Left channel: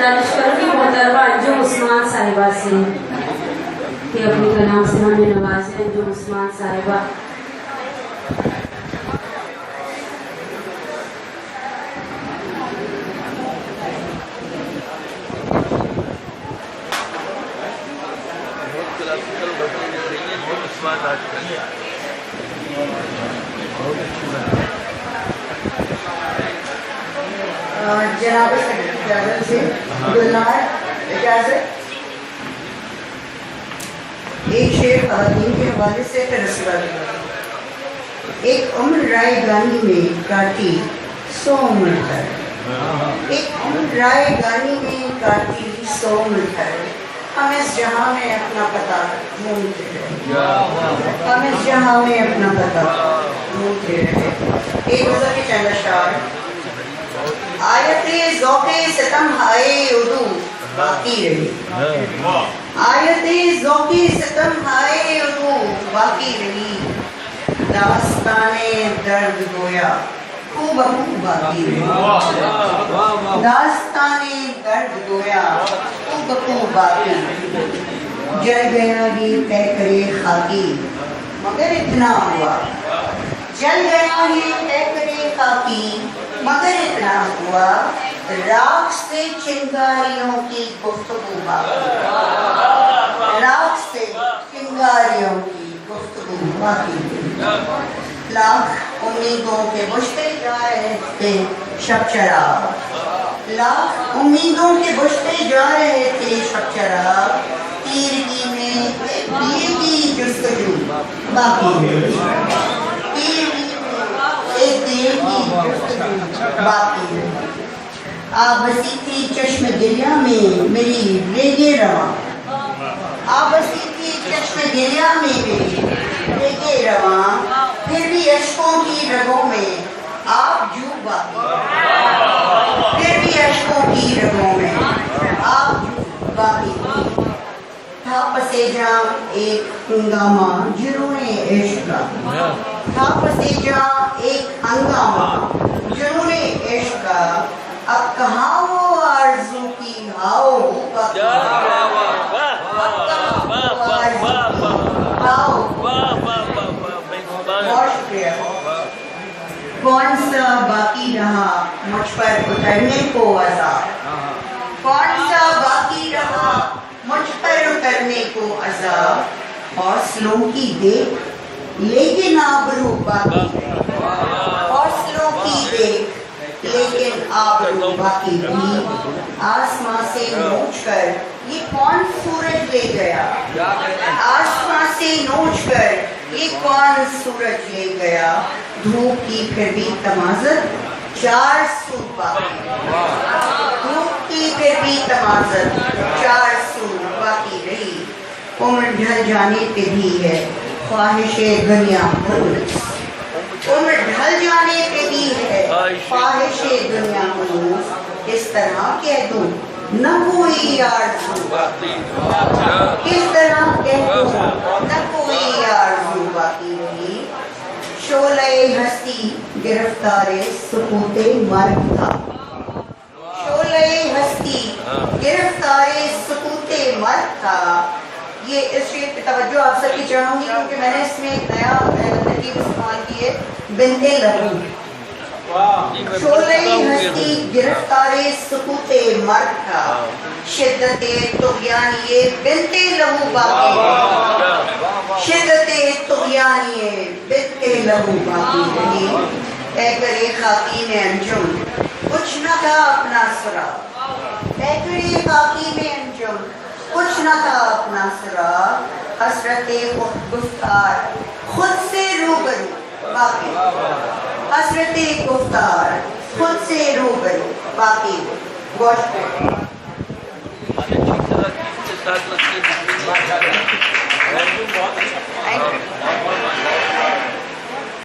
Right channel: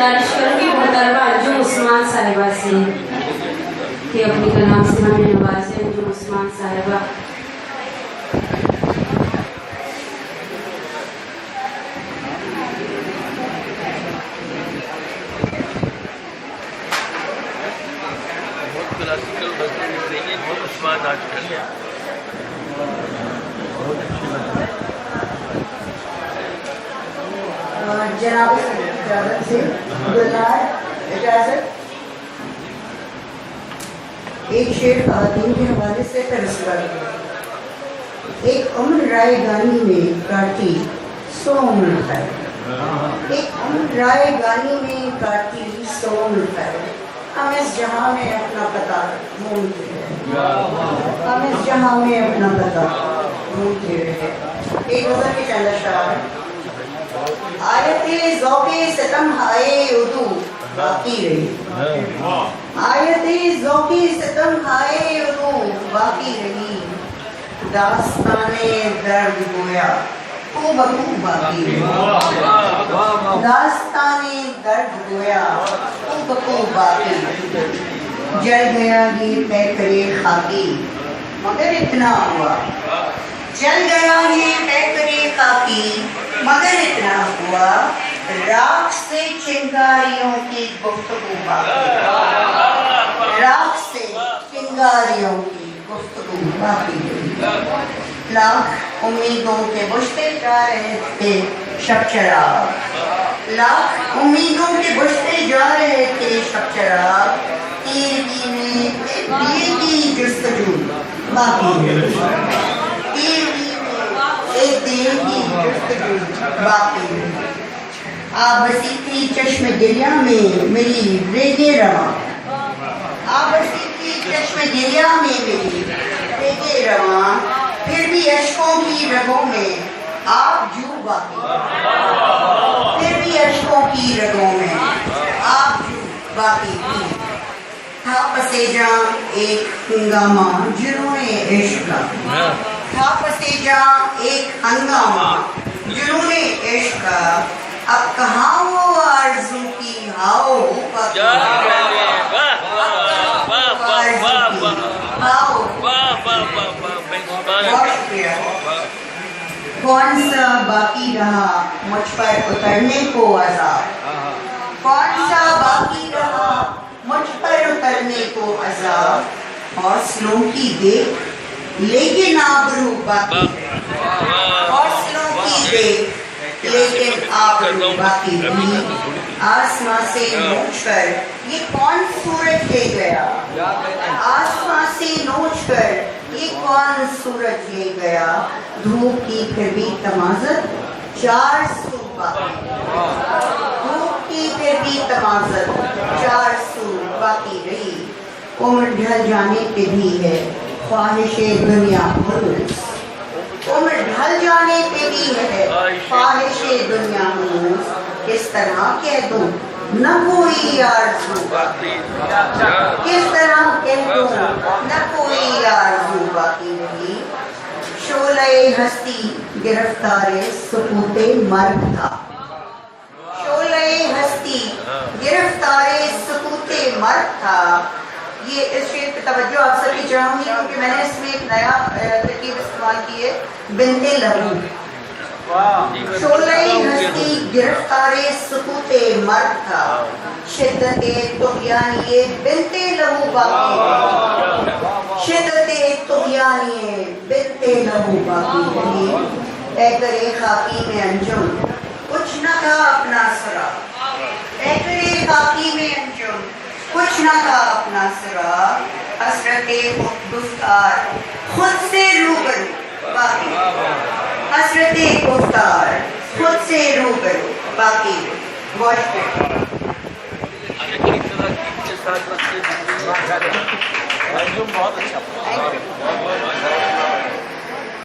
गुजारिश करूँगी मोहतरमा अंजुम उस्मान साहिबा से कि अपनी कलाम से हमें नवाजें। अंजुम उस्मान साहिबा। जनाब इजाज़त से इजाज़त एक शेर ख़वातीन के हवाले से फिर एक उम्र राय गानी में काटी 100 उम्र कर। एक उम्र राय गानी में काटी 100 उम्र कर। हम इस जहाँ में अपना पता ढूंढते रहे। हम इस जहाँ में अपना पता ढूंढते रहे। एक गज़ल के चंद अशआर। आयते ज़ौक़े सितम हाए उदू बाकी रही। आयते ज़ौक़े सितम हाए उदू बाकी रही। दास्ताने दर्द गोया खूब खूब बाकी रही। दास्ताने दर्द गोया खूब खूब बाकी रही। जल गया ये तय करे खाकी मगर इतना हुआ। जल गया ये तय करे खाकी मगर इतना हुआ। राख से चिंगारियों की गुफ्तगू बाकी। राख से चिंगारियों की गुफ्तगू बाकी। लाख उम्मीदों के बुझते जा रहे थे शब चराग। लाख उम्मीदों के बुझते जा रहे थे शब चराग। तीरगी में दिए की जुस्तजू बाकी। तीरगी एक दिए की जुस्तजू बाकी। आप बसी थी चश्म गिरिया में मेरी रेगे रवा। आप बसी थी चश्म गिरिया में मेरी रेगे रवा। फिर भी अश्कों की रगों में आप जू बाकी। फिर भी अश्कों की रगों में आप जू बाकी थी। था पसेजा एक हंगामा जुनूने इश्क का। था पसेजा एक हंगामा जुनूने इश्क का। अब कहाँ वो आरज़ू की हाओ बाकी। कौन सा बाकी रहा मुझ पर उतरने को अज़ाब। कौन सा बाकी रहा मुझ पर उतरने को अज़ाब। हौसलों की देख लेकिन आबरू बाकी। हौसलों की देख लेकिन आबरू बाकी रही। आसमां से नोच कर ये कौन सूरज ले गया। आसमां से नोच कर ये कौन सूरज ले गया। धूप की फिर भी तमाज़त 4 सू बाकी। धूप की फिर भी तमाज़त 4 सू बाकी रही। उम्र ढल जाने पे भी है ख्वाहिशे दुनिया मुरूज। उम्र ढल जाने पे भी है ख्वाहिशे दुनिया मुरूज। किस तरह कह दूं न कोई आरज़ू। किस तरह कह दूं न कोई आरज़ू बाकी रही। शोले हस्ती गिरफ्तारे सुकूते मर्द था। शोले हस्ती गिरफ्तारे सुकूते मर्द था। ये इस शेर पे तवज्जो आप सबकी चाहूँगी क्योंकि मैंने इसमें एक नया तरकीब इस्तेमाल की है। बिंते लहू। शोले हस्ती गिरफ्तारे सुकूते मर्द था। शिद्दते तुग़यानिए बिंते लहू बाकी। शिद्दते तुग़यानिए बिंते लहू बाकी रही। ऐ करे खाकी में अंजुम कुछ न था अपना सुरा। ऐ करे खाकी में अंजुम कुछ न था अपना सुरा। हसरते गुफ्तार खुद से रूबरू बाकी। हसरते गुफ्तार खुद से रूबरू बाकी। बहुत अच्छा।